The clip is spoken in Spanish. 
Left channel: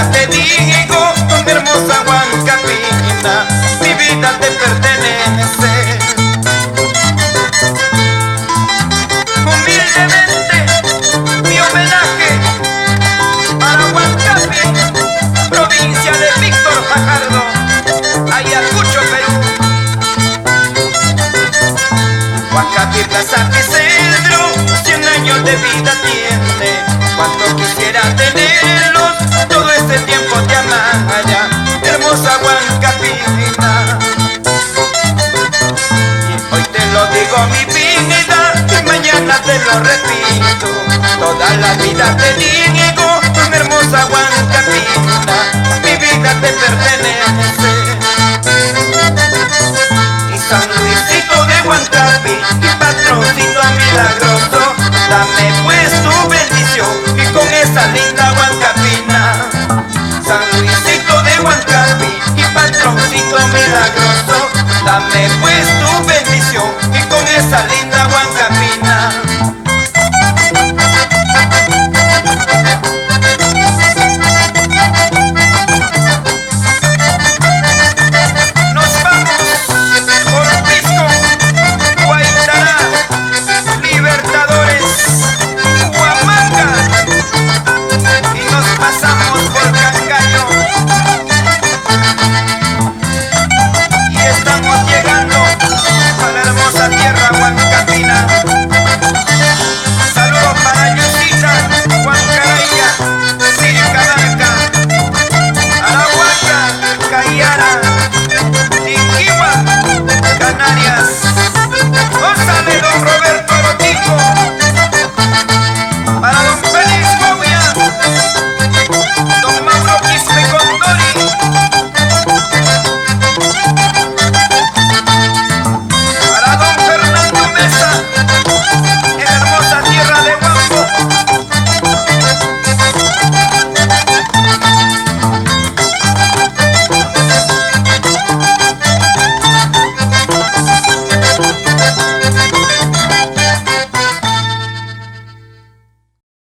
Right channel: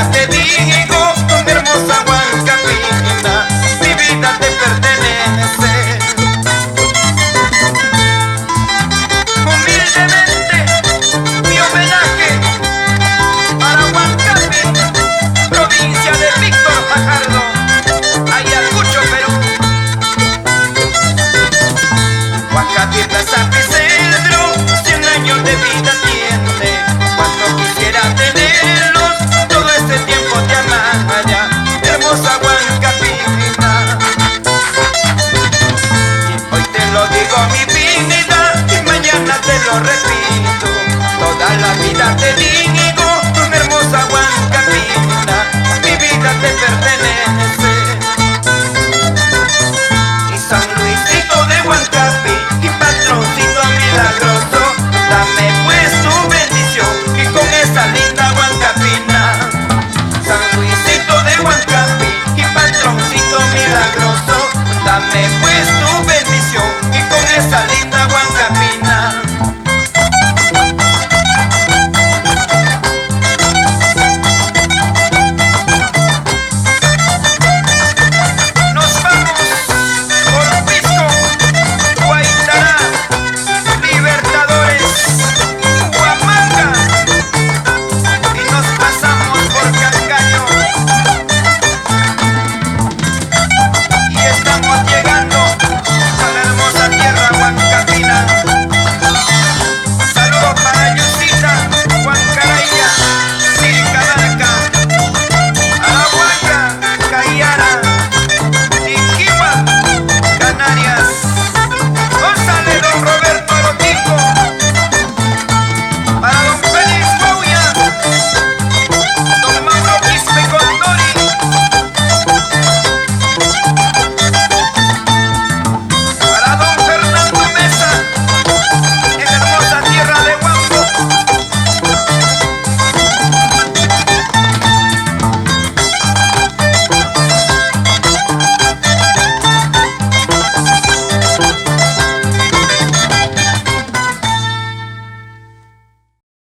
vida te digo, mi hermosa Huancapina, mi vida te pertenece. Humildemente, mi homenaje para Huancapina, provincia de Víctor Fajardo, Ayacucho, Perú. Huancapina San Isidro, 100 años de vida tiene. Cuando quisiera tenerlos, todo ese tiempo te amara, hermosa Huancapina. Y hoy te lo digo mi vida, y mañana te lo repito. Toda la vida te digo, mi hermosa Huancapina, mi vida te pertenece.